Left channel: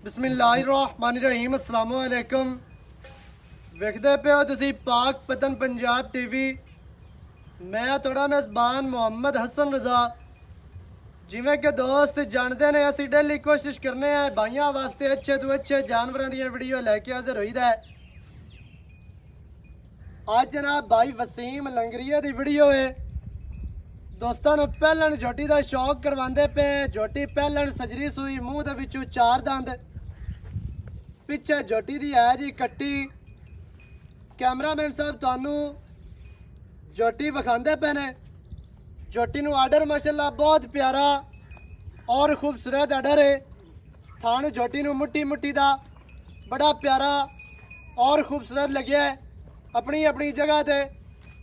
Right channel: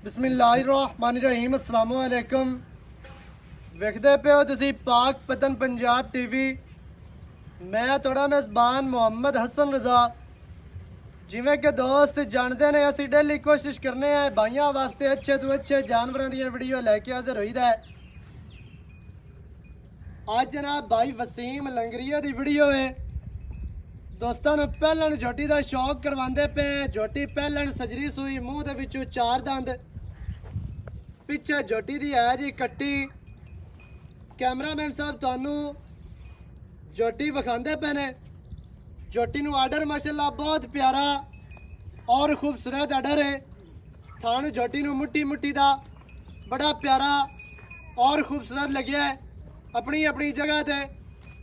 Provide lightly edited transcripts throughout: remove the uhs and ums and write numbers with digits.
बिस्मिल्लाहिर्रहमानिर्रहीम अस्सलाम वालेकुम। वेखदे पे हो तुसी पाक पतन पंजाब टीवी। मैं थोड़ा मेज़बान मोहम्मद हसन रज़ा। जिमें कि दोस्त जानते ने असी डेली कोशिश करने हैं भाइयों वास्ते अच्छे तो अच्छे जानवरों दी वीडियो लैके हाजिर होईदा है। आज जनाब भाई वसीम लंगरिया दी वीडियो है। दोस्तों ने पहलन झोटी का शौक करवाते पे। झोटी पहलन सजरी सूई, मूँह दे विचों 4 दंद, पिछे झोटी दी है जी कट्टी। कैमरामैन साहब थानू झोटी विखाते पे ने। झोटी नू आर्डर माशाल्लाह बहुत प्यारा और खूबसूरत आर्डर है। थान झोटी नू मुट्टी मुट्टी दा बड़ा प्यारा और खूबसूरत लग्या है। अपनी अपनी जगह ते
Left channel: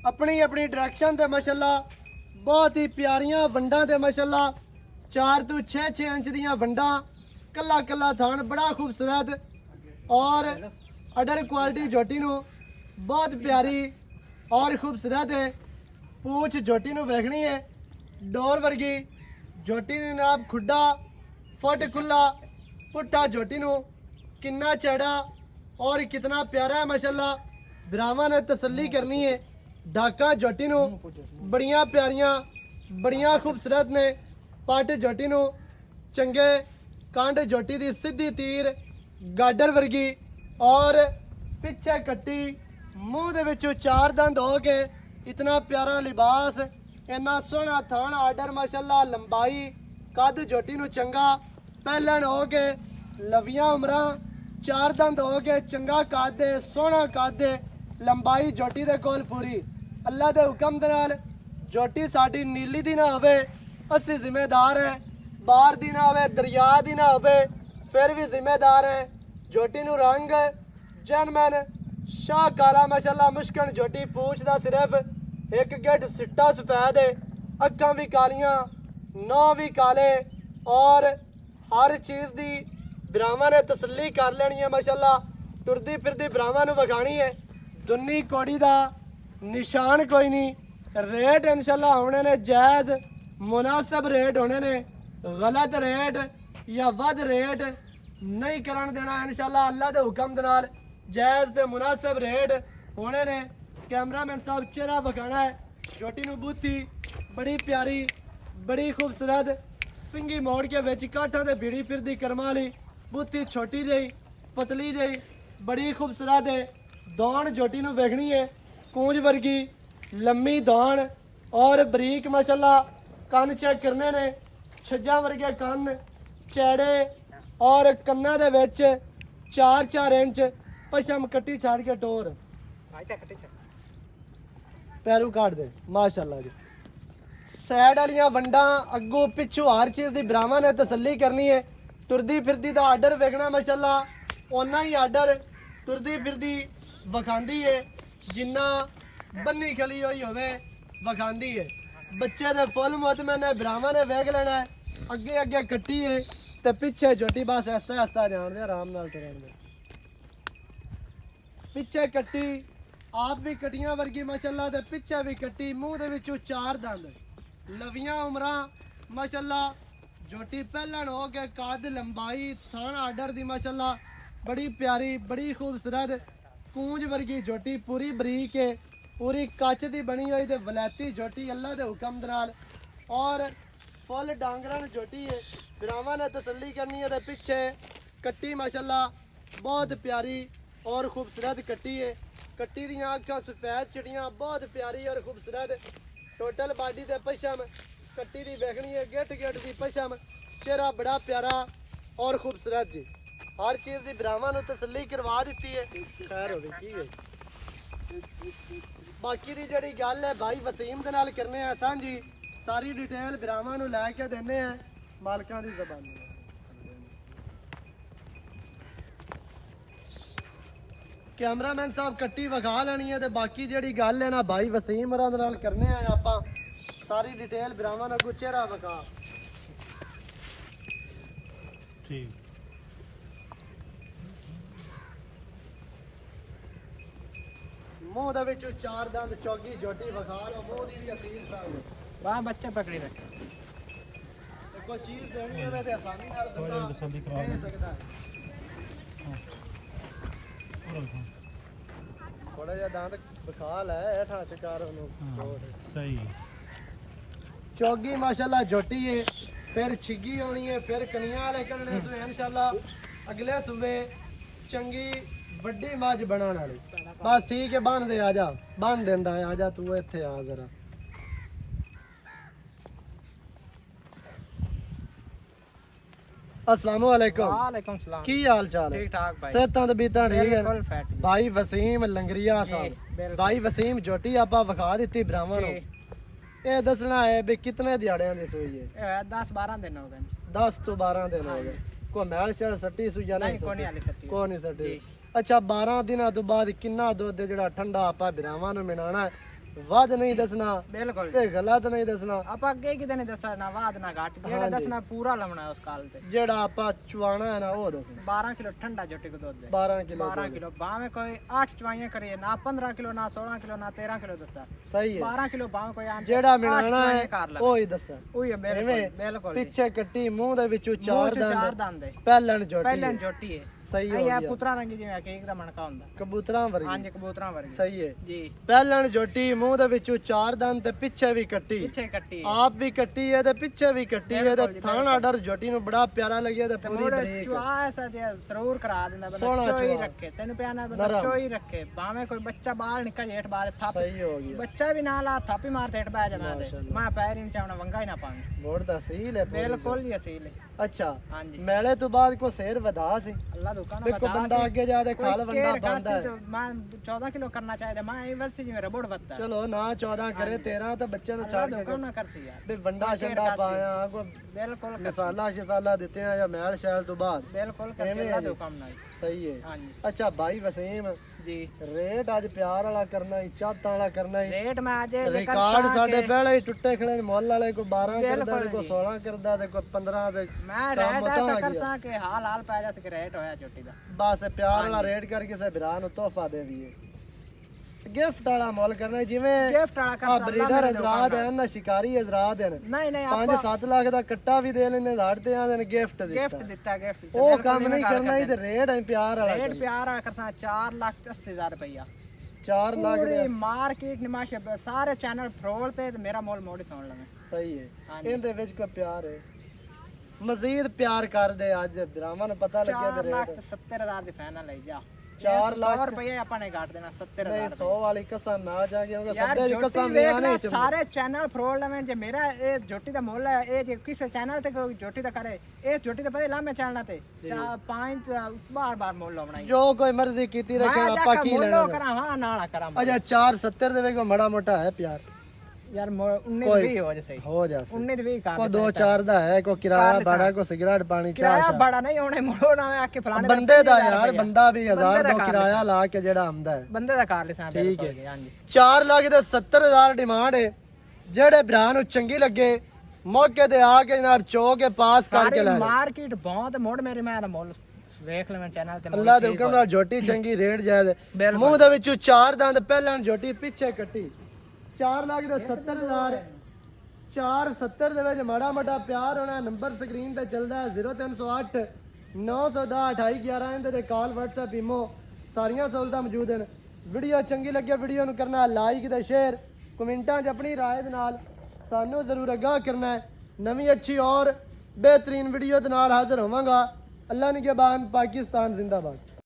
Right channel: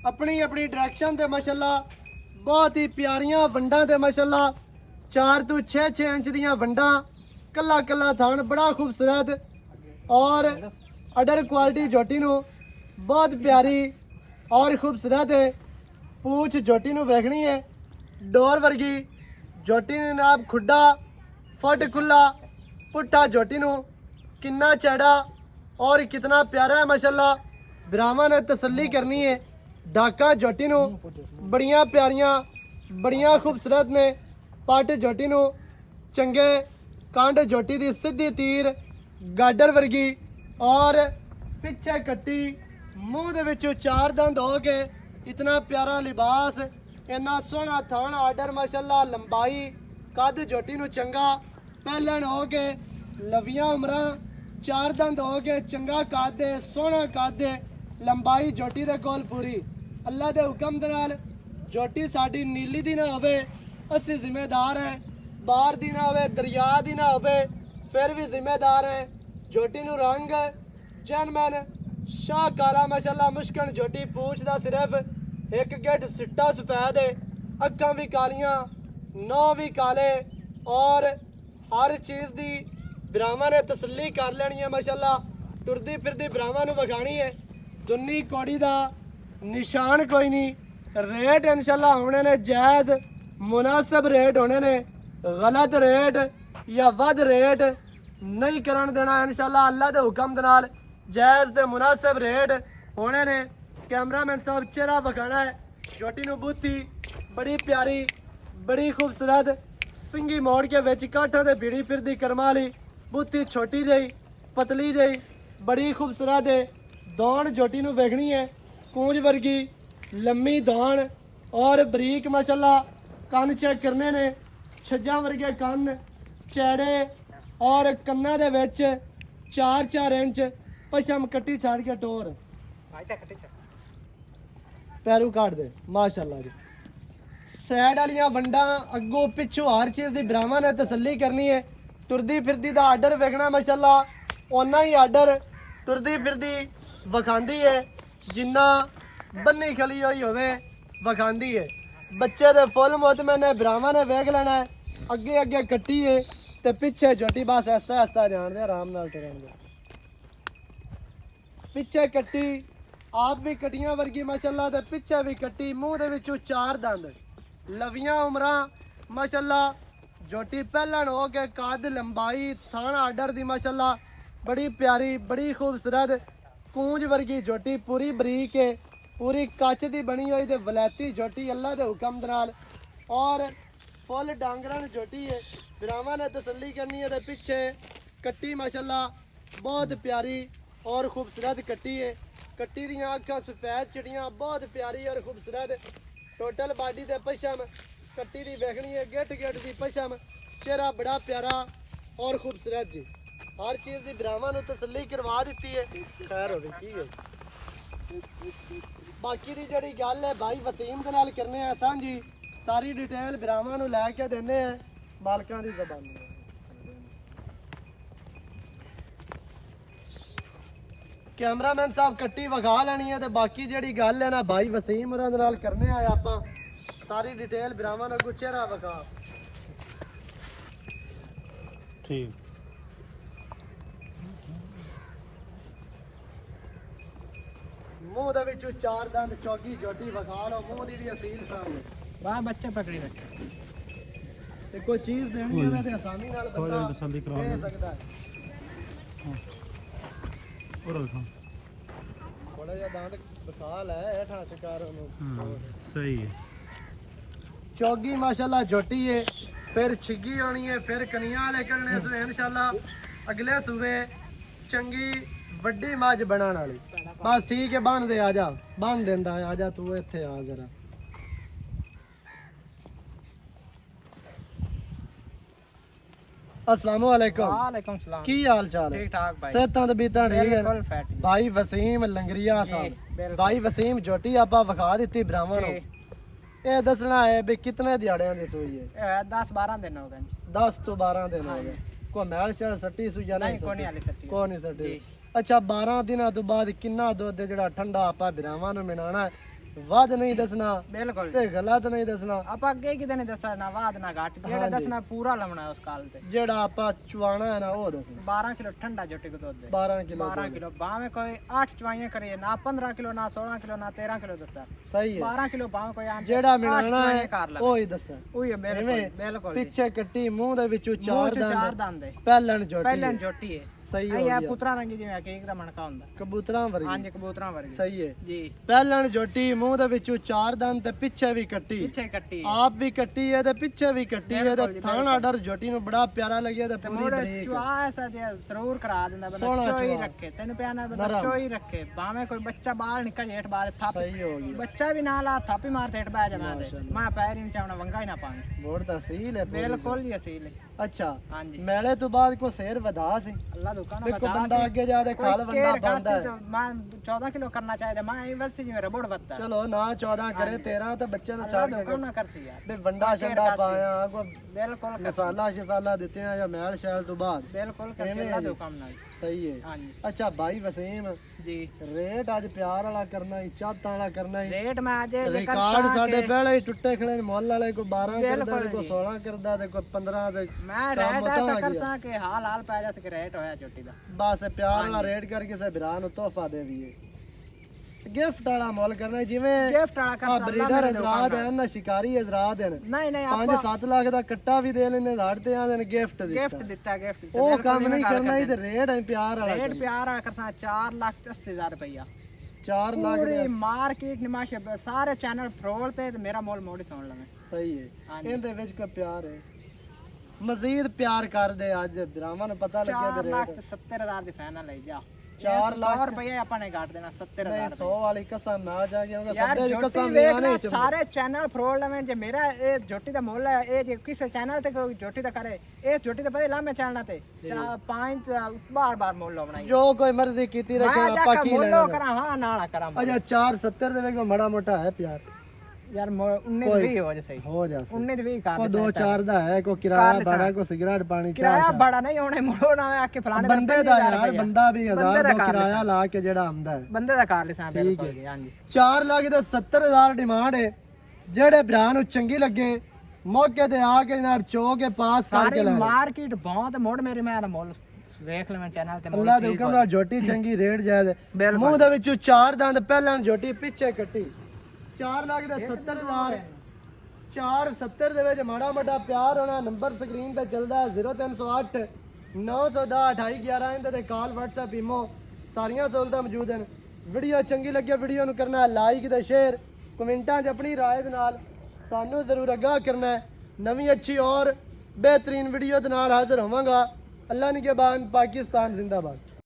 अपनी अपनी डायरेक्शन ते माशाल्लाह बहुत ही प्यारियां वंडां ते माशाल्लाह 4 तो 6 इंच दियां वंडां, कला कला थान बड़ा खूबसूरत और अडर क्वालिटी झोटी नू बहुत प्यारी और खूबसूरत है। पूछ झोटी नू वेखनी है डोर वर्गी। झोटी ने नाब खुड्डा फट खुला पुट्टा झोटी नू कितना चढ़ा और कितना प्यारा है माशाल्लाह। ब्राह्मण ने तसल्ली करनी है। ढाका झोटी नू बड़ियां प्यारियां बड़ियां खूबसूरत ने। पट झोटी नू चंगे, कांड झोटी दी सीधी तीर गाडर वर्गी और पिछे कट्टी, मूँह दे विचों 4 दंद हो के इतना प्यारा लिबास, इन्ना सोहना थान आर्डर माशाल्लाह। लंबाई कद झोटी नू चंगा, पहलन हो के लवियां उमरां, 4 दंद हो के चंगा कद है, सोहना कद है। लंबाई झोटी दे कोल पूरी। अल्लाह दे हुक्म दे नाल झोटी साडी नीली दी ना होवे, असी जिम्मेदार हैं। बाहर दी ना होवे, दरिया दी ना होवे, फिर भी जिम्मेदार हैं। झोटी नू रंग जनमन शाहकारा माशाल्लाह मुश्किल झोटी। पूछ दा सिर्फ एक गेट सिट्टा सफेद है, अक्खां भी कालियां, नौ भी काले और हर चीज़ दी ब्राह्मण ने तसल्ली कर लेनी है माशाल्लाह। टुरदी फिरदी ब्राह्मण नू विखानी है। दुन्नी कौड़ी दा निशान कोई नहीं। रेट इंशाल्लाह होने ने जायज़ मुनासिब रेट होने ने। गलत रेट या वध रेट नहीं करन देना इंशाल्लाह। अल्लाह दे हुक्म दे नाल जायज़ ते मुनासिब रेट होने ने। कैमरामैन साहब चेहरा विखाना है। झोटी नू बूथी बड़ी प्यारी बड़ी खूबसूरत, सिंगी मोड़ के विच काठा ते भीड़ी फिरदी करमा वाली बूथी, छोटी जही पतली जही बड़ी खूबसूरत है। दौड़ झोटी नू वेखनी है कूंज वर्गी लम्मी दौड़ और बरीक माशाल्लाह। कन चेक करने ने, छज्जा वर्गे कन चैड़े और कन्ना दे विच 4-4 इंच पशम कट्टी छाड़ के टोर पैरू काट दे माशाल्लाह जी। सैड वालियां वंडा अगों पिछों हर चीज़ की ब्राह्मण ने तसल्ली करनी है। टुरदी फिरदी का आर्डर वेखना माशाल्लाह, उन्ना ही आर्डर टुरदी फिरदी विखांदी है जिन्ना बन्नी खली हुई होवे विखांदी है। बच्चे दे फुल मुतमन है, ब्राह्मण ने वेख लेना है। अगे अगे कट्टी है ते पिछे झोटी बस ऐसा ऐसा जान दे, आराम नाल टुरन दे। पिछे कट्टी आप भी कटियां वर्गी माशाल्लाह ते पिछे भी कट्टी, मूँह दे विचों 4 दंद, लवियां उमरां माशाल्लाह। झोटी पहलन हो के कद लंबाई थान आर्डर दी माशाल्लाह बड़ी प्यारी बड़ी खूबसूरत कूंज वर्गी झोटी। पूरी बरीक है, पूरी कच दी बनी हुई ते वलैती झोटी अल्लाह दे हुक्म दे नाल और फुल डांगरन झोटी है। ब्राह्मण ने तसल्ली करनी है। पिछे कट्टी माशाल्लाह बहुत प्यारी और खूबसूरत कट्टी है। कट्टी दियां अखां सफेद चिड़ियां बहुत प्यारी और खूबसूरत। टोटल बाडी ते पशम कट्टी दी वेखनी है, गिट गिट दी पशम, चेहरा बड़ा प्यारा और खूबसूरत जी। हर चीज़ की ब्राह्मण नू तसल्ली करवा दी है। खैर हो गई है। बाकी दी जड़ी गल है भाई वसीम दे नाल करने हैं सांझी, सारी डिटेल ब्राह्मण नू लैके देने हैं मालकां दी ज़बानी। कैमरामैन साहब कट्टी विखा लेनी है। तो बाकी जी गल है ना भाई वसीम होरां दे नाल करने आए आप सारी डिटेल ब्राह्मण अगू चेहरा विखा। ठीक मूँह दे विचों 4 दंद चौकी झोटी विखा लो। मूँह दी भी असील संग वाह बच्चा पकड़ी रखे। कोई चीज़ देनी है तो आसानी नाल बंदा दे सकदा है। ਥੋੜਾ ਜਿਹਾ ਦੰਦ ਵਿਖਾ ਲੈ ਹੇਠਾਂ ਚਕਾਰ ਉਹਨੂੰ ਸਹੀ ਹੈ ਚੌਗੀ ਮਾਸ਼ਾਅੱਲਾ ਝੋਟੀ ਹੈ ਫਿਰ ਛਿੱਗੀ ਹੋਣੀ ਹੈ ਫਿਰ ਕਨੀਆਂ ਵਾਲੇ ਕਰਨੇ ਸੋ ਇਨਸ਼ਾਅੱਲਾ ਅਗਲੇ ਸੂਬੇ ਚੰਗੀ ਵੱਡੀ ਮੱਝ ਬਣਾਉਣ ਵਾਲੀ ਬਸ ਠੀਕ ਹੈ ਬੰਨ ਦੇ ਆ ਜਾ ਬੰਨ ਦਿੰਦਾ ਆ ਜਾ ਤੂੰ ਇੱਥੇ ਆ ਜ਼ਰਾ अस्सलाम वालेकुम वालेकुम सलाम की हाल चाल है ठीक ठाक भाई सेहतां ते बीतां ठीक है बिल्कुल फैट भाई वसीम लंगरिया साहब बिल्कुल। भाई वसीम झोटी आपा विखा दी ब्राह्मण ਨੂੰ ਇਹ ਦੱਸਣਾ ਹੈ ਵੀ ਕਿਤਨੇ ਦਿਹਾੜਿਆਂ ਦੀ ਸੂਈ ਹੈ 10-12 दिन हो गए 10 ਤੋਂ 12 ਦਿਨ ਹੋ ਗਏ ਕੋ ਮੈਲ ਸ਼ਰ ਸੱਟੀ ਸੂਈ ਜਾਂ नहीं कोनी वाली सट्टी ਕੋ ਨਹੀਂ ਸੱਟੀ ਅੱਛਾ 12 ਦਿਨਾਂ ਤੋਂ ਬਾਅਦ ਕਿੰਨਾ ਦੁੱਧ ਜਿਹੜਾ ਠੰਡਾ ਆਪਾਂ ਬਰਾਵਾਂ ਨੂੰ ਮਿਲਾਣਾ ਹੈ ਵੱਧ ਨਹੀਂ ਦੱਸਣਾ बिल्कुल ਤੇ ਗਲਤ ਨਹੀਂ ਦੱਸਣਾ ਆਪਾਂ ਅੱਗੇ ਕਿਤੇ ਨਹੀਂ ਦੱਸਣਾ ਨਾ ਬਾਦ ਨਾ ਘਾਟ ਜਿਹੜਾ ਦੱਸਣਾ ਪੂਰਾ ਲਾਉਣਾ ਹੈ ਉਸ ਕਾਲ ਤੇ ਜਿਹੜਾ ਆਪਾਂ ਚੁਆਣਾ ਹੈ ਨਾ ਉਹ ਦੱਸਣਾ 12 ਕਿਲੋ ਠੰਡਾ ਜੋਟੀ ਕੋ ਦੁੱਧ 12 ਕਿਲੋ 12 ਕਿਲੋ ਬਾਵੇਂ ਕੋਈ 8 ਚਵਾਈਆਂ ਕਰੀਏ ਨਾ 15 ਕਿਲੋ ਨਾ 16 ਕਿਲੋ ਨਾ 13 ਕਿਲੋ ਦੱਸਾ ਸਹੀ ਹੈ 12 ਕਿਲੋ ਬਾਵੇਂ ਕੋਈ ਆਂ ਜਿਹੜਾ ਮਿਲਾਣਾ ਹੈ ਉਹ ਹੀ ਦੱਸਣਾ ਉਹੀ ਹੈ ਬਿਲਕੁਲ ਬਿਲकुल ਪਿੱਛੇ ਕੱਟੀ ਮੂੰਹ ਦੇ ਵਿੱਚੋਂ ਚਾਰ ਚਾਰ ਦੰਦ ਦੰਦ ਹੈ ਪਹਿਲਣ ਜੋਟੀ ਪਹਿਲਾਂ ਜੋਟੀ ਹੈ ਸਹੀ ਹੋ ਇਹ ਗਿਆ ਪੁੱਤਰਾ ਰੰਗੀ ਜਿਵੇਂ ਕੇਕ ਦਾ ਮਣਕਾ ਹੁੰਦਾ ਕਬੂਤਰਾਂ ਵਰਗੀ ਹਾਂਜੀ ਕਬੂਤਰਾਂ ਵਰਗੀ ਸਹੀ ਹੈ ਜੀ ਪਹਿਲਣ ਜੋਟੀ ਮੂੰਹ ਦੇ ਵਿੱਚੋਂ ਚਾਰ ਦੰਦ ਤੇ ਪਿੱਛੇ ਵੀ ਕੱਟੀ ਪਿੱਛੇ ਕੱਟੀ ਆਪ ਵੀ ਕੱਟੀ ਹੈ ਤੇ ਪਿੱਛੇ ਵੀ ਕੱਟੀ ਹੈ ਤੇ ਥਾਣ ਆਰਡਰ ਜੋਟੀ ਨੂੰ ਬੜਾ ਪਿਆਰਾ ਲੱਗਿਆ ਤੇ ਪੂਰੀ ਬਰੀਕ ਚੁਆ ਐਸਾ ਤੇ ਸਰੂਰ ਕਰਾ ਦਿੰਦਾ ਬੰਦਾ ਸੋਹਣਾ ਚੋਈ ਚੁਆ। ਰੱਖੇ ਤੈਨੂੰ ਪਿਆਣਾ ਬੰਦਾ ਚੋਈ ਰੱਖੇ ਬਾਵੇਂ ਕੋਈ ਬੱਚਾ ਬਾਹਰ ਨਿਕਲ ਜੇਠ ਬਾਹਰ ਥਾਪ ਸਹੀ ਹੋ ਗਿਆ ਬੱਚਾ ਵੀ ਨਾਲ ਆ ਥਾਪੀ ਮਾਰ ਤੇ ਹਟ ਬੈ ਜਾ ਮੈਂ ਤੇ ਮਾਸ਼ਾਅੱਲਾ। ਮੈਂ ਪੈਰ ਹੀ ਨਹੀਂ ਚਾਉਣਾ ਵੰਗਾ ਹੀ ਨਾ ਪਾਣੀ ਬੋੜ ਤਹਿਸੀਲ ਹੈ ਪੂਰੀ ਬਿਲਕੁਲ ਜੀ ਅਸੀਲ ਹੈ। ਜੋ। ਅੱਛਾ ਹਾਂਜੀ ਮੈਲੇ ਤੋਂ ਬਾਅਦ ਕੋ ਸੇਰ ਵਧਾ ਸੀ ਅੱਲਾ ਦੁਕਾਨ ਦੇਖੋ ਬੰਦਾ ਅੱਗੇ ਜਾ ਕੇ ਖਾਲ ਵੰਡਾ ਬੰਦਾ ਹੈ ਮੈਂ 14 ਕਿਲੋ ਕਰਨਾ ਚਾਹੀਦਾ ਮੈਂ ਇਹ ਵਸੇ ਜਿਵੇਂ ਰਬੜ ਵੱਤਾ ਚਲੋ ਨਾ 14 ਕਰੇ 13 ਤੇ ਬੱਚੇ ਨੂੰ ਅੱਲਾ ਛੱਡ ਕੇ ਦੁਕਾਨ ਨਾ ਕਰਸੀ ਯਾਰ ਵੀ ਵੰਡਾ ਛੰਡਾ ਪਾਇਆ ਕੋ ਬਿਲਕੁਲ ਮਸਾਲਾ ਸ਼ਸਾਲਾ ਦਿੱਤੇ ਆ ਜਾਂ ਮੈਲ ਸ਼ੈਲ ਤੋਂ ਬਾਅਦ ਬਿਲਕੁਲ ਕਰਸੀ ਅੱਲਾ ਦੁਕਾਨ ਨਾਲ ਸਹੀ ਹੈ ਹਾਂਜੀ ਅੱਛਾ ਭਾਈ ਵਸੀਮ ਜੀ ਰੇਟ ਅੱਜ ਪਿਆਰ ਵਾਲਾ ਕਰਨਾ ਹੀ ਚਾਹਤਾਂ ਵਾਲਾ ਕਰਨਾ ਹੀ ਰੇਟ ਮੈਂ ਅੱਜ ਰਿਕਾਰਡ ਸਾਡੇ ਪਹਿਲੇ ਹੀ ਟੁੱਟੇ ਖੜੇ ਨੇ ਮੁੱਲ ਵਾਲੇ ਕੋਈ 12 ਕਰਦਾ ਤੇ ਕੋਈ 16 ਕਰਦਾ ਤੇ ਕੋਈ 15 ਤੇ ਮੈਂ ਰੇਟ ਐਸਾ ਕਰਸਾਂ ਕਿ ਹਾਲ ਹਾਲ ਪੈ ਜਾ ਸਕੇ ਰੇਟ ਹੋਇਆ ਚੋਟੀ ਦਾ ਬਸ ਪਿਆਰ ਵਾਲਾ ਰੇਟ ਕਰਕੇ ਕਿਸੇ ਭਰਾ ਨੂੰ ਤੋਹਫਾ ਦੇ ਦਈਏ ਗਿਫਟ ਵਾਲਾ ਮੁੱਲ ਕਰਨਾ ਜਿਵੇਂ ਗਿਫਟ ਵਾਲਾ ਆ ਕਰਸਾ ਬਰੀਡਰ ਹਜ਼ਰਾਤ ਹੈ ਨਾ ਸ਼ਿਕਾਰੀ ਹਜ਼ਰਾਤ ਹੈ ਨਹੀਂ ਨਹੀਂ 5-7 ਲੱਖ ਦਾ ਕੱਟਾ ਵੀ ਦੇ ਲੈਣੇ ਲਾੜ ਤੇ ਆਂਦੇ ਨੇ ਗਿਫਟ ਗਿਫਟ ਦਿੱਤਾ ਦਿੱਤਾ ਗਿਫਟ ਉਹ ਕੰਮ ਨਹੀਂ ਕਰਨਾ ਇਹ ਤੇ ਰੇਟ ਹੈ ਪਿਆਰ ਵਾਲਾ ਰੇਟ ਪਿਆਰ ਵਾਲਾ ਕਰਸਾ 4,80,000 ਰੁਪਇਆ 4 ਲੱਖ ਦੇ ਪੂਰੀ ਮਾਰਕੀਟ ਨਿਮਾਸ਼ ਸਾਰੇ ਚੈਨਲ ਫਰੋਲ ਤੇ ਮੇਰਾ ਮੁੱਲ ਮੋੜੀ ਸੁਣ ਲਵੇਂ ਸਹੀ ਹੈ ਇਹਦੇ ਵਿੱਚ ਕੋਈ ਪਿਆਰ ਹੈ ਮਜ਼ੀਦ ਪਿਆਰ ਕਰਦੇ ਅੱਜ ਭਰਾਵਾਂ ਨੂੰ ਪਤਾ ਲੱਗਿਆ ਵੀ ਰੇਟ 4,70,000 ਦੀ ਫਾਈਨਲ ਲਈ ਜਾ 4 ਲੱਖ ਰੁਪਏ ਆਪਾਂ ਨੇ ਘਾਟ ਦੇਣਾ 70,000 ਨਹੀਂ 100 ਵਾਲੀ ਕਸਮ ਨਾ ਜਾ ਕੇ ਉਹਦਾ ਯਾਰ ਸੱਦੇ ਦੀ ਜੋਟੀ ਕਸਮ ਵੇਖ ਨਹੀਂ ਲੈ ਸਾਰੇ ਚੈਨਲ ਫਰੋਲ ਲਵੇਂ ਜੇ ਮੇਰਾ ਇਹ ਜੋਟੀ ਦਾ ਮੁੱਲ ਹੈ ਇਹ ਜੇ ਕਿਸੇ ਚੈਨਲ ਤੇ ਕੋਈ ਜੋਟੀ ਦਾ ਕਰੇ ਇਹ ਜੋਟੀ ਦਾ ਪਤਾ ਲਾਮੇ ਚੱਲਣਾ ਤੇ 5 ਬਾਰ ਮੁੱਲ ਲਾਉਣਾ ਜੋ ਕੋਈ ਮਰਜ਼ੀ ਕੀਤੀ ਰੱਖੇ ਮੈਂ ਆਪਾਂ ਕੀ ਲੈਣਾ ਕਰਾਂ ਹਾਂ ਨਾਲਾ ਕਰਾਂ ਅਜਾ 470 ਦੇ ਵਿੱਚ ਮੜਾ ਮੋਟਾ ਹੈ ਪਿਆਰ ਯਾਰ 19 20 ਹੋ ਜਾ ਸਹੀ ਹੋ ਜਾ ਸਹੀ 19 20 ਕਰ ਕੋ 2-4 ਦਾ ਹੈ ਕੋ ਕਿਰਾਇਆ ਬਾੜਾ ਕੋ ਸਿਗਰਟ ਪਾਣੀ ਚਾਹ ਕਿਰਾਇਆ ਬੜਾ ਨਹੀਂ ਹੋਣੇ ਮੁੜੋ ਨਾ ਆ ਕੇ ਫਲਾਣੇ ਬੰਦੇ ਦਾ ਯਾਰ ਬੰਦਾ ਵੀ 1000 ਦਾ ਕਿਰਾਇਆ ਲਾ ਕੇ ਜਿਹੜਾ ਆਉਂਦਾ ਹੈ ਬੰਦੇ ਦਾ ਕਰ ਲਿਸਾਂ ਬਿਲਕੁਲ ਹਾਂਜੀ 4 ਲੱਖ ਦੇ 70000 ਡਿਮਾਂਡ ਹੈ ਜਿਹੜੇ ਭਰਾ ਨੂੰ ਚੰਗੀ ਲੱਗੇ ਮੌਕੇ ਤੇ ਆ ਕੇ ਜਨਾਬ ਚੋ ਕੇ ਪਾਸ ਕਰਕੇ ਲੈ ਮਾਰਕੀਟ ਬਹੁਤ ਮੋੜ ਮੇਰੇ ਮੈਂ ਦਾ ਮੁੱਲ ਵੇਖ ਲੈ ਮੈਂ ਚੈਨਲ ਤੇ ਅੱਲਾ ਦੇ ਹੁਕਮ ਨਾਲ ਝੋਟੀ ਚੰਗੀ ਰੇਟ ਜਾਇਜ਼ ਮੂੰਹ ਦੇ ਵਿੱਚੋਂ 4 ਦੰਦ ਪਹਿਲਾਂ ਝੋਟੀ ਪਿੱਛੇ ਕੱਟੀ 4 ਲੱਖ ਦੇ 70000 470 ਦੇ ਵਿੱਚ ਮਾੜਾ ਮੋਟਾ ਪਿਆਰ ਹੋਣਾ ਨੰਬਰ ਸਕਰੀਨ ਤੇ ਚੱਲਦਾ 0308 910 2811 ਇਹਦੇ ਤੇ ਕਾਲ WhatsApp ਈਮੋ ਸਾਰੀਆਂ ਸਹੂਲਤਾਂ ਮੌਜੂਦ ਹਨ ਵੀਡੀਓ ਚੰਗੀ ਲੱਗੇ ਵੀਡੀਓ ਨੂੰ ਕਰਨਾ ਲਾਈਕ ਤੇ ਸ਼ੇਅਰ ਕਮੈਂਟਾਂ 'ਚ ਆਪਣੀ ਰਾਏ ਦੇ ਨਾਲ ਸਾਨੂੰ ਜ਼ਰੂਰ ਆਗਾਹ ਕਰਨਾ ਹੈ ਨਵੀਂ ਅੱਛੀ ਔਰ ਬਿਹਤਰੀਨ ਵੀਡੀਓ ਦੇ ਨਾਲ ਹਾਜ਼ਰ ਹੋਵਾਂਗਾ ਅੱਲਾ ਨਿਗਹਿਬਾਨ ਪਾਕਿस्तान जिंदाबाद।